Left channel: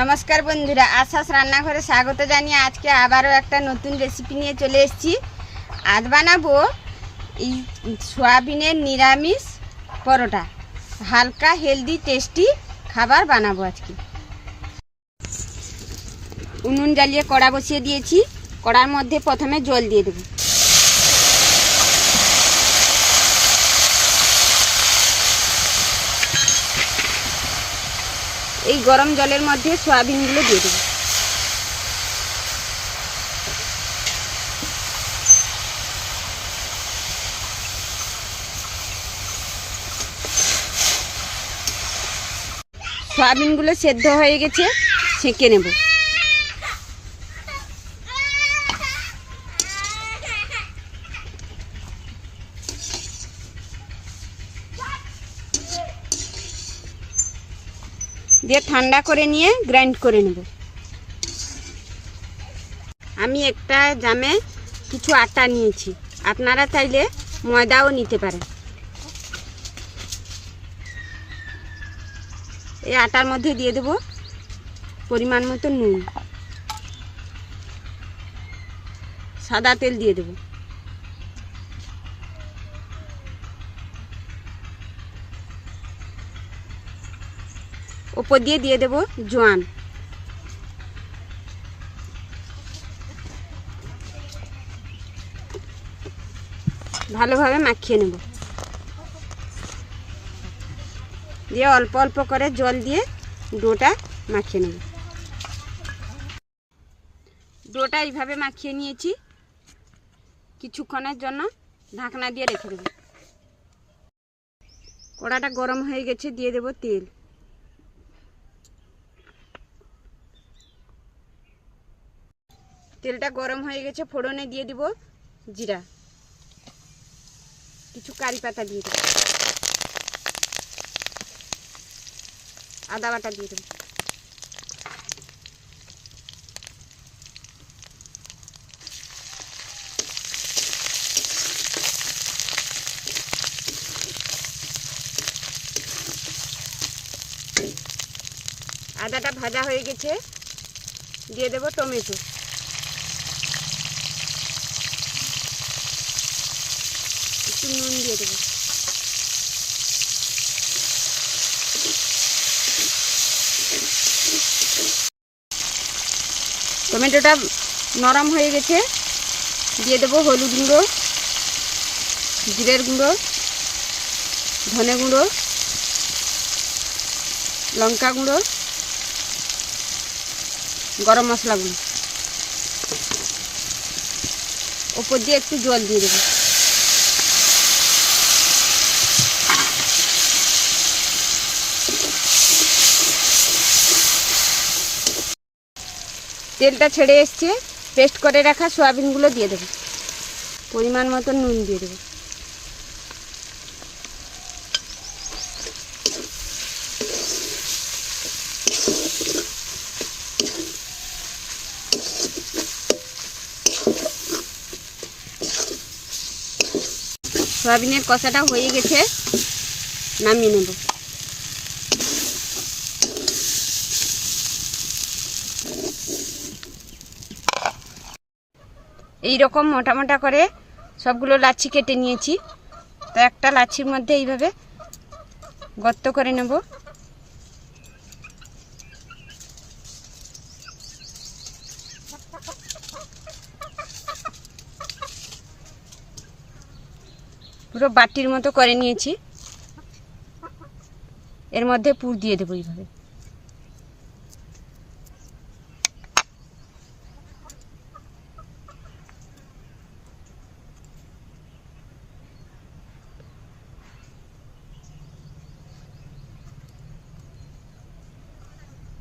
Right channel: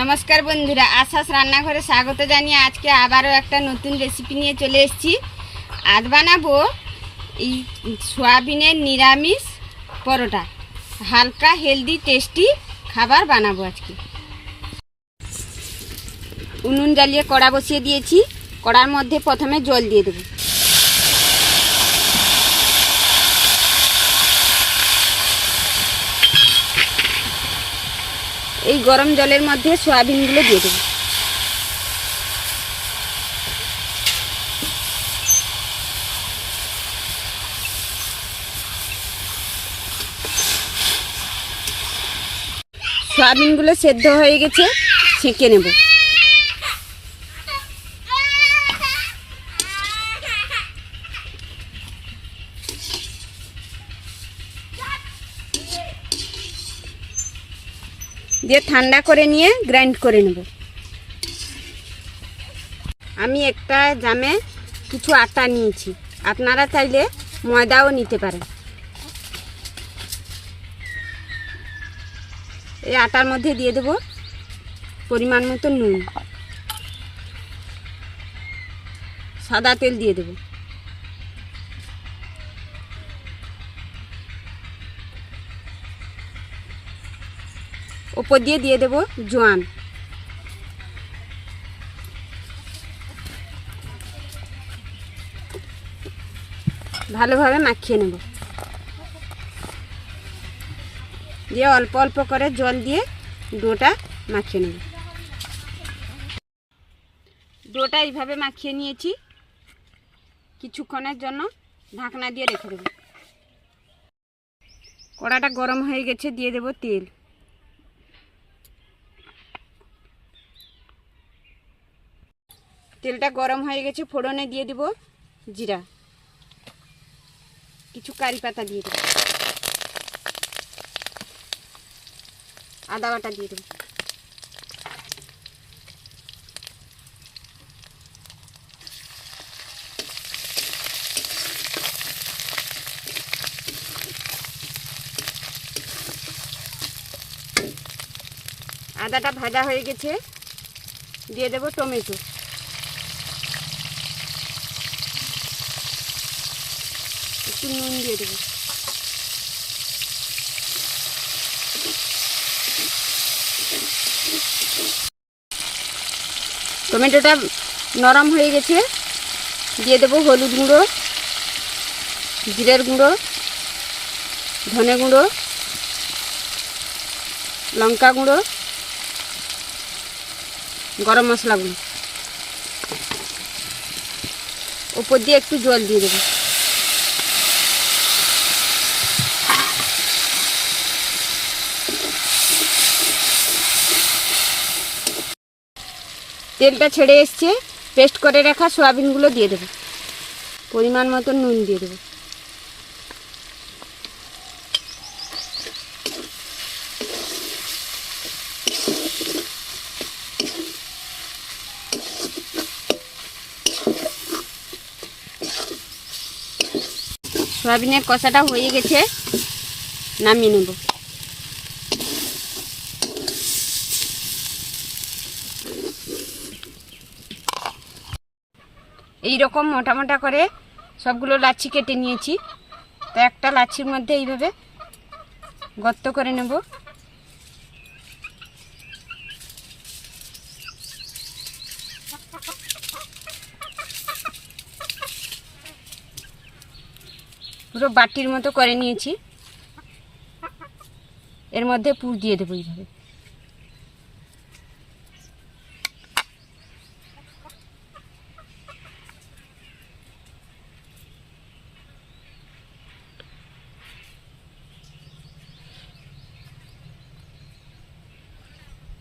নমস্কার বন্ধুরা, আশাস রান্নাঘরে স্বাগত জানিয়ে আজকে আবারও একটা নতুন রেসিপি নিয়ে চলে এসেছি। আজ বানাবো এই সয়াবিনের নিরামিষ পরোটা। হালকা হেলদি টেস্টি খাবার বানাবো আজকে। উনুন জ্বালিয়ে কড়া বসিয়ে দিয়েছি। কড়ার মধ্যে প্রথমে জল দিয়ে দেবো। এই গরম জলের মধ্যে সয়াবিনগুলো দিয়ে দেবো। সয়াবিনগুলো সেদ্ধ হয়ে গেছে, ছেঁকে নেব। দিয়ে ঠান্ডা করে নিয়ে গ্রাইন্ড করে নেব। আমি একটা জামে কিছু আটা নিয়েছি, আপনারা চাইলে ময়দাও নিতে পারেন। এই আটার মধ্যে দিয়ে দেব পরিমাণ মতো নুন, সাদা তেল দিয়ে দেব। ওপর দিয়ে দেব জোয়ান। ভালোভাবে মাখিয়ে নেব। দিয়ে অল্প অল্প করে জল দিয়ে ডোটা মাখিয়ে নেব। ডোটা এইভাবে মাখিয়ে নিয়েছি। কিছুক্ষণের জন্য ঢাকনা দিয়ে রেখে দেব। কড়াটা গরম হয়ে গেছে, দিয়ে দেব তেল। তেলটা গরম হয়ে গেছে, ফোড়নে দিয়ে দেব জিরা, কিছু কারি পাতা দিয়ে দেব, আদা বাটা দিয়ে দেব। আদাটা ভাজা হয়ে গেছে, দিয়ে দেব টমেটো, একটু নুন দিয়ে দেব। টমেটোটা নরম হয়ে গেছে, দিয়ে দেব হলুদ গুঁড়ো, জিরের গুঁড়ো, ধনে গুঁড়ো, লঙ্কা গুঁড়ো, গরম মশলা গুঁড়ো। ওপর দিয়ে একটু জল দিয়ে দেব। তেলটা ছেড়ে এসছে, পেস্ট করে রাখা সয়াবিনগুলো দিয়ে দেব। পরিমাণ মতো নুন দিয়ে দেব। সয়াবিনের কষাটা হয়ে গেছে, নামিয়ে নেব। এই রকম মোটা মোটা করে সবগুলো লাচ্ছি কেটে নিয়েছি। তো একটা লাচ্ছির মধ্যে এইভাবে গর্ত করে নেব। পুরো বাটির মতো করে নিয়েছি। এর মধ্যে পুর দিয়ে দেবো এইভাবে।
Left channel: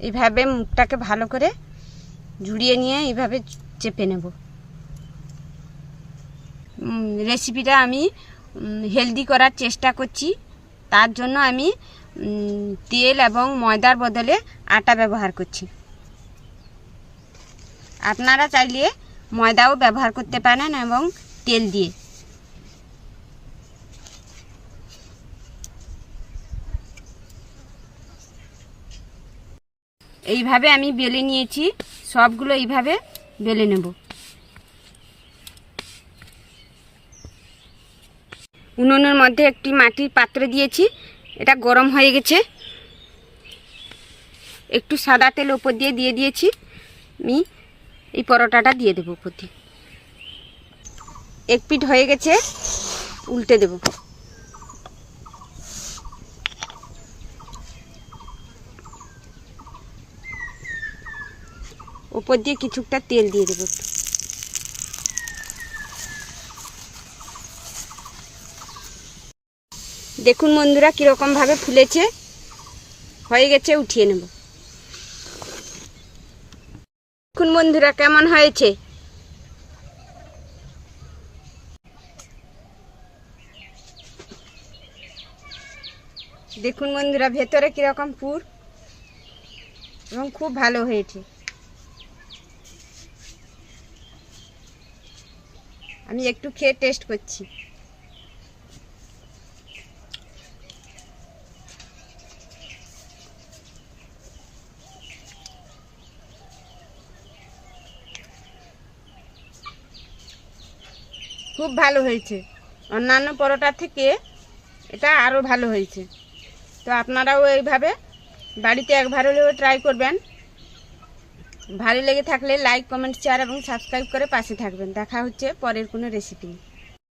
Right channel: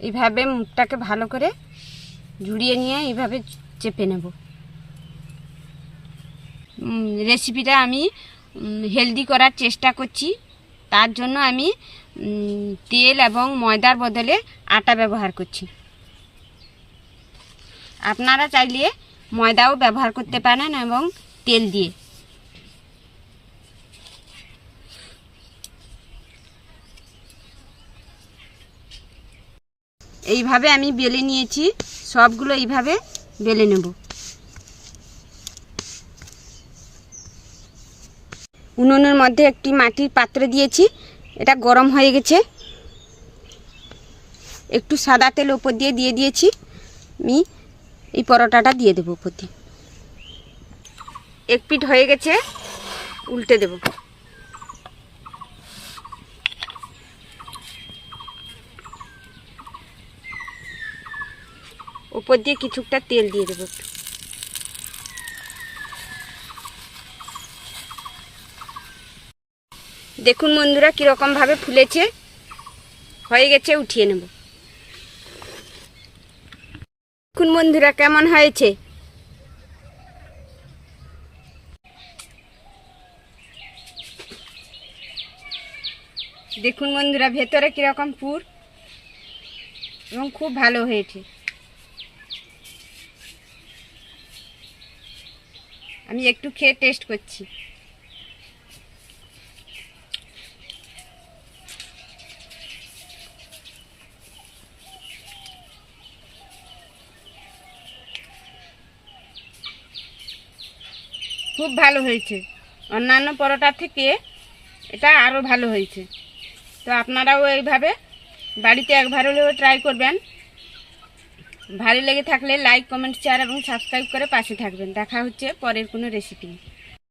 এইভাবে মুখটাকে ভালো করে ঝুড়িয়ে নিয়ে এইভাবে চেপে নেব। রেসিপিটা আমি হেলদি করার চেষ্টা করছি, তার জন্য আমি তেল এবং ময়দার বদলে আটা ব্যবহার করছি। আপনারা চাইলে ময়দাও ব্যবহার করতে পারেন এবং তেল দিয়ে। এইভাবে আমি বেলে নিয়েছি, সবগুলো এইভাবে বেলে নেব। উনুনের মধ্যে একটি মাটির পাত্র দিয়েছি, এটা গরম হয়ে গেছে। একটু সাদা তেল উপর দিয়ে দিয়েছি। আমি এই পরোটাটা দিয়ে দেবো উপর দিয়ে। এক পিঠ হয়ে গেছে, উল্টে দেব। উপর দিয়ে কিছুটা তেল দিয়ে দেবো। দেখুন বন্ধুরা কীরকম ভাবে ফুলেছে, হয়ে গেছে, উঠিয়ে নেব। দেখুন বন্ধুরা কেমন হয়েছে। দেখুন বন্ধুরা ভেতরে কীরকম পুর এবং খুব ভালো হয়েছে। আমি একটু খেয়ে টেস্ট করছি। খুব ভালো হয়েছে, অন্যান্য পরোটা থেকে এটা আরও ভালো হয়েছে। তো আপনারাও এইভাবে বাড়িতে একবার হলেও ট্রাই করবেন। ভালো লেগে থাকলে লাইক, কমেন্ট, শেয়ার এবং সাবস্ক্রাইব করে পাশে থাকবেন। দেখা হচ্ছে পরের কোনো রেসিপি।